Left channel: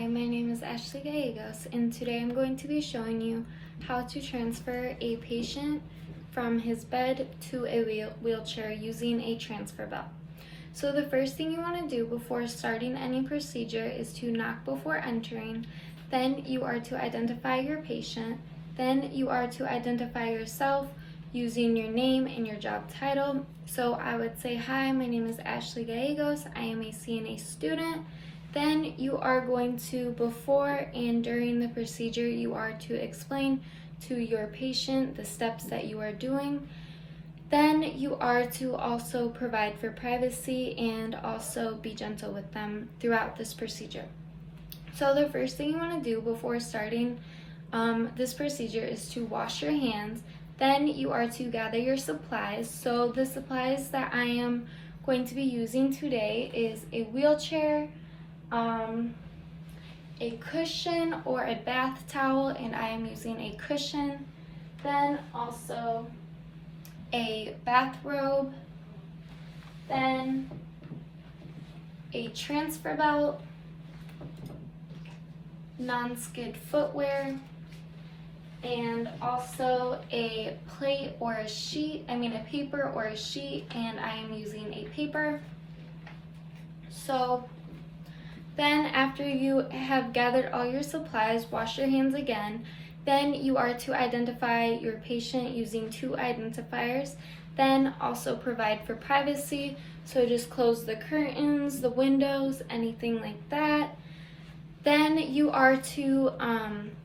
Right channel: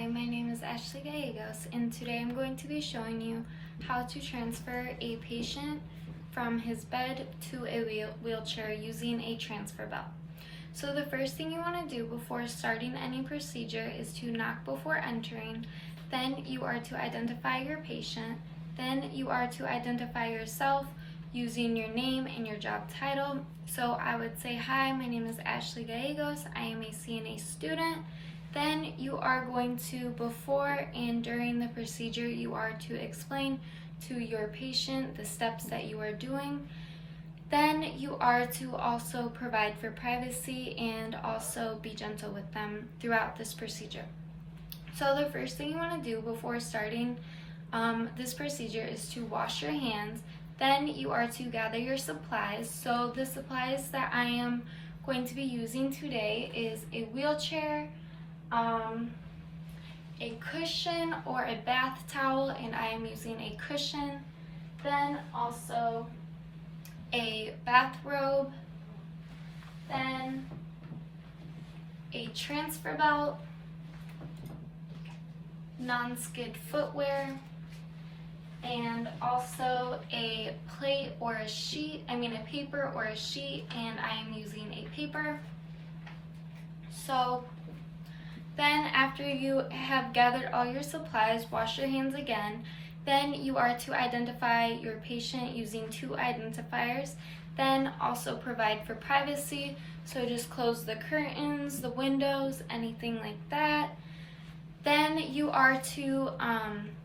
Hi, my name is Ashley Gallegos, and today I'm going to be showing you how to transfer a patient from his bed to a wheelchair using a transfer belt. So the first thing you want to do before starting any procedure is to knock before entering. Then you are to identify your patient. Then you are to identify yourself using your name and your job title. So I would say, hi, my name is Ashley Gallegos. I am a CNA student. Then you are going to, before and during the procedure, you are to explain to your patient the steps that you are doing. Then you are to also provide for privacy and also be gentle with them throughout this procedure. So the first thing you want to do before starting this procedure is to wash your hands. Then you are to gather your supplies. So the supplies that I am going to be using today is a wheelchair, a cushion or a bath towel, and I am using a cushion. Then also a bathrobe, then a transfer belt, non-skid footwear, and also a plate or a sheet, a paper or a sheet, and I am using a paper. So then after you have gathered all your supplies, wash your hands again. Then you are to identify your patient using two identifiers. Then also provide for privacy. So just close the curtains, the windows, anything like that. Then you are to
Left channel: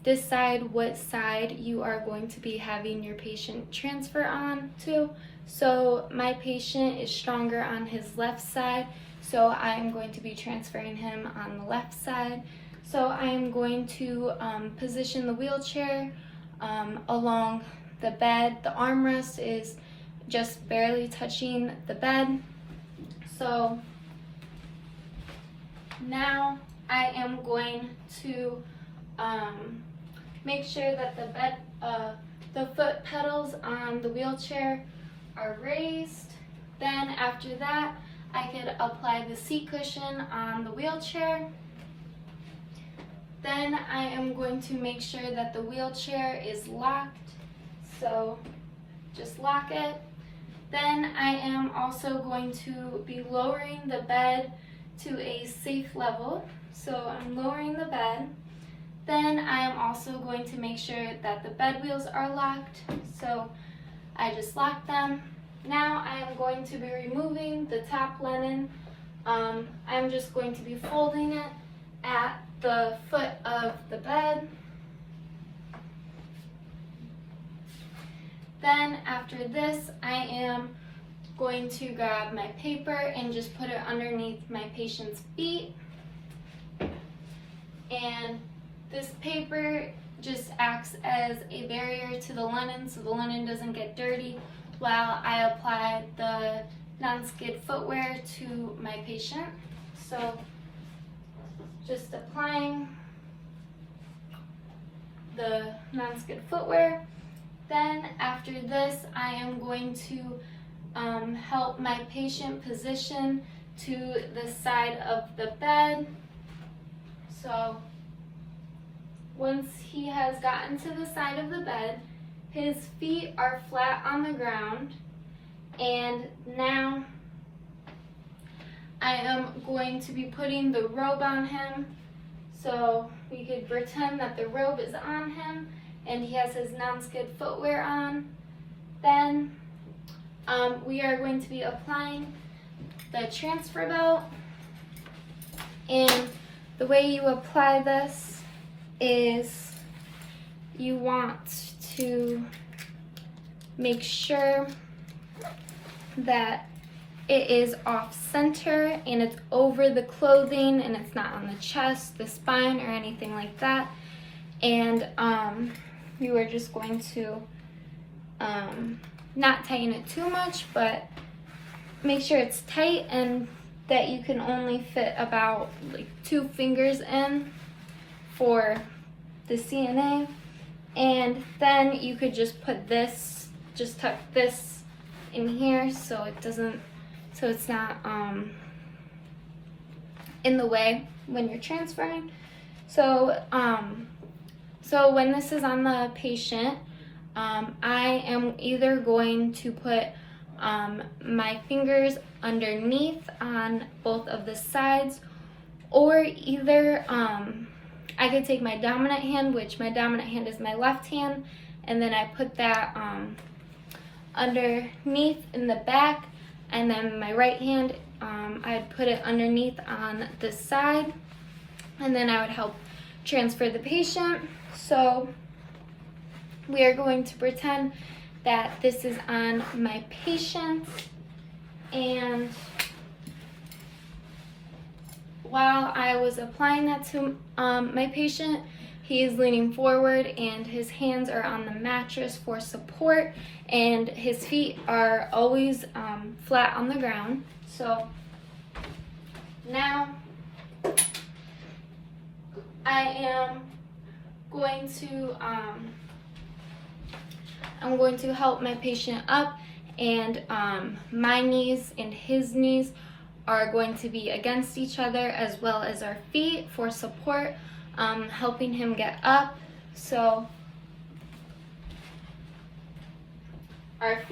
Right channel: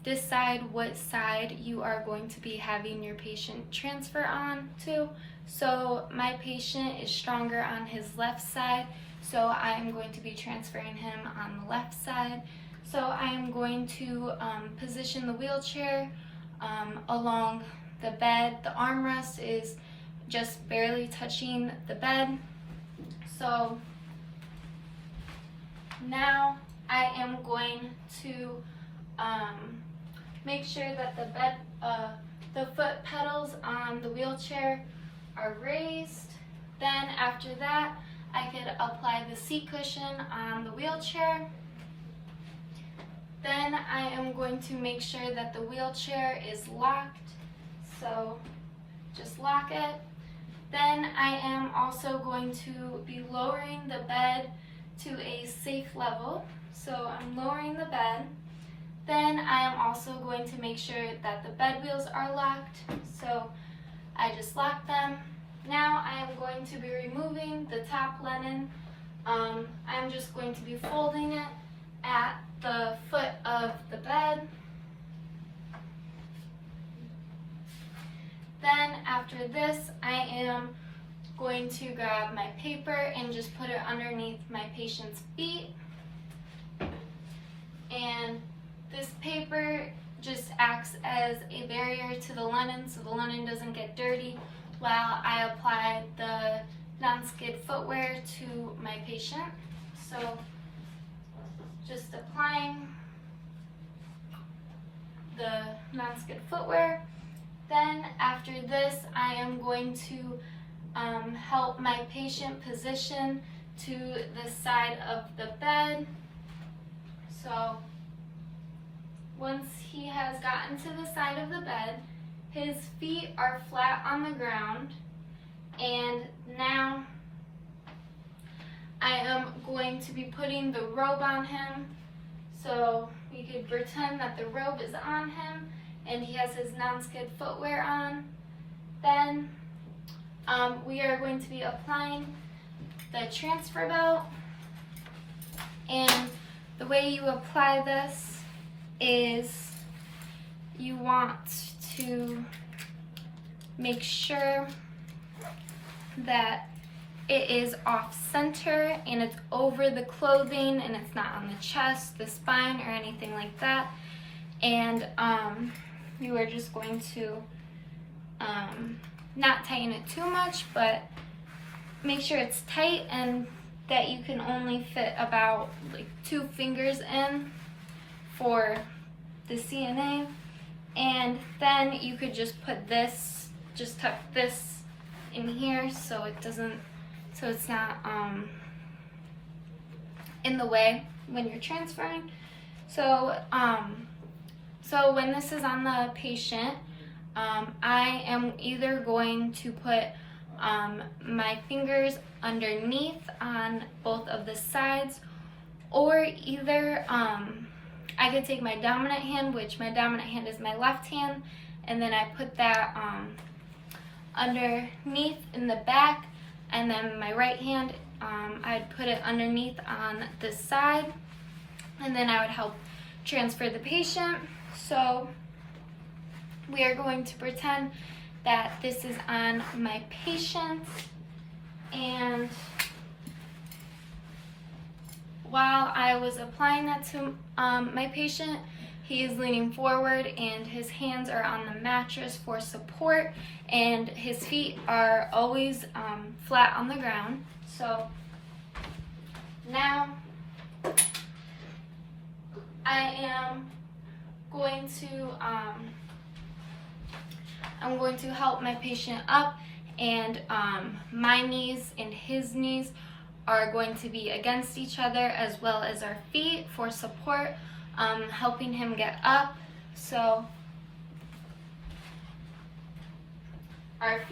decide what side you are going to be having your patient transfer on to. So my patient is stronger on his left side, so I am going to be transferring him on the left side. So I am going to position the wheelchair along the bed. The armrest is just barely touching the bed. So now I am going to make sure that the bed, the foot pedals on the wheelchair are raised. Then after that, I could apply the seat cushion on the wheelchair. Then I am going to make sure that the wheelchair is locked. So just lock it. Then I am also going to be lowering the bed to a safe level. So I'm lowering the bed. Then I am also going to make sure that the bed wheels are locked. So I just lock them. Now I am going to be removing the top linen. I'm just going to be folding it at the foot of the bed. Then after this, I am going to grab my paper and just put it underneath my patient's feet. And this paper just acts as a barrier to the linen so the linen doesn't get dirty while I apply the non-skid footwear to my patient. So just applying the non-skid footwear. Then after this, I am going to help my patient position to the side of the bed. So once he has gotten to the side of the bed, his feet are flat on the ground, and now I am going to be putting the robe on him. So we could pretend that the robe is on him and he has his non-skid footwear on. Then we are going to be applying the transfer belt, and the way you apply this is you want to make sure that it is off center and it's over the clothing and it's not on the chest, the spine, or anything like that. And you are just going to not tighten it too much, but make sure it's tight and that you can only fit about like 2 fingers in for the CNA. And then you could just put this, just tuck this in here so it doesn't, so it's not in the way when you're transferring. So when this is on the patient, I am either going to put my fingers underneath on both of the sides, or either I could take my dominant hand, which my dominant hand is my left hand, and then I put that underneath in the back, and then my right hand, I'd put it underneath on this side, and then I would help transfer the patient. So we are going to pretend that this is on my patient, and while I was applying that to my patient, he is leaning forward and his hands are on the mattress for support, and his feet are always flat on the ground. So now I am going to I'm going to help my patient up, and my knees and his knees are going to be against each other, as well as our feet for support, helping him get up. So our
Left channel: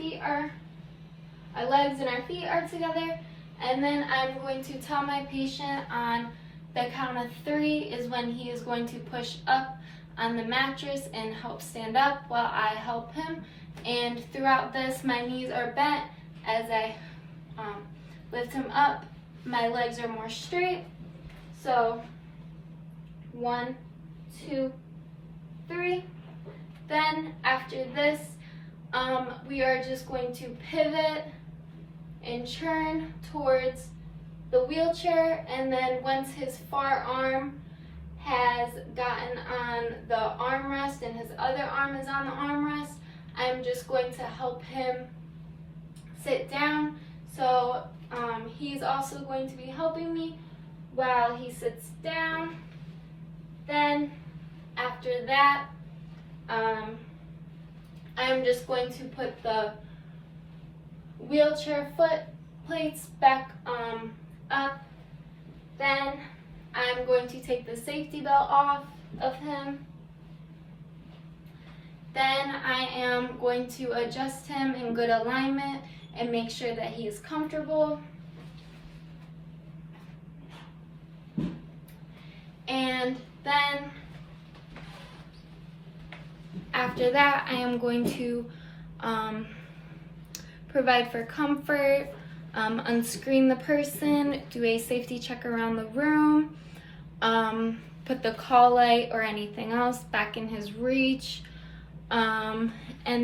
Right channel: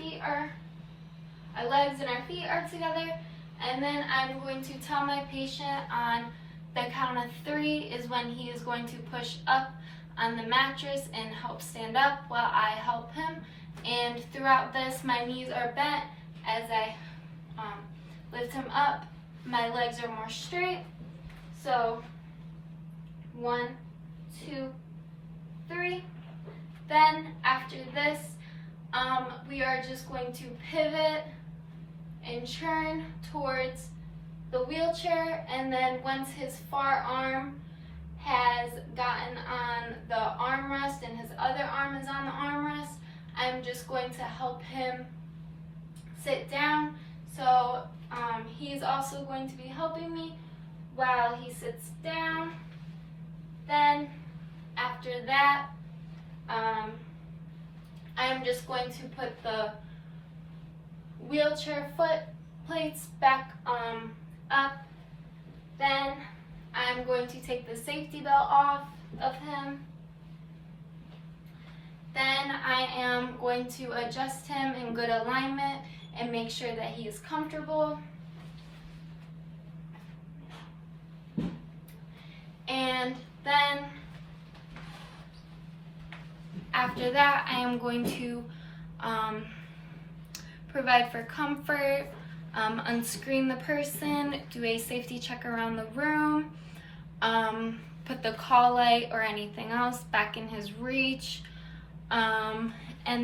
legs and our feet are together, and then I'm going to tell my patient on the count of 3 is when he is going to push up on the mattress and help stand up while I help him. And throughout this, my knees are bent as I lift him up. My legs are more straight. So 1, 2, 3. Then after this, we are just going to pivot and turn towards the wheelchair, and then once his far arm has gotten on the armrest and his other arm is on the armrest, I'm just going to help him sit down. So he's also going to be helping me while he sits down. Then after that, I'm just going to put the wheelchair foot plates back up. Then I'm going to take the safety belt off of him. Then I am going to adjust him in good alignment and make sure that he is comfortable. And then after that, I am going to provide for comfort, unscreen the person, do a safety check around the room, put the call light or anything else back in his reach. And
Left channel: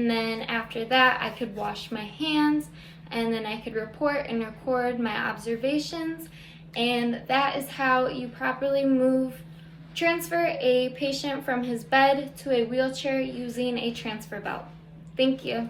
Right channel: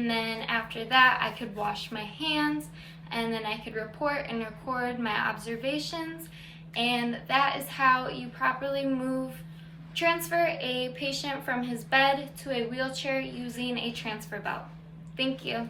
then after that, I could wash my hands, and then I could report and record my observations. And that is how you properly transfer a patient from his bed to a wheelchair using a transfer belt. Thank you.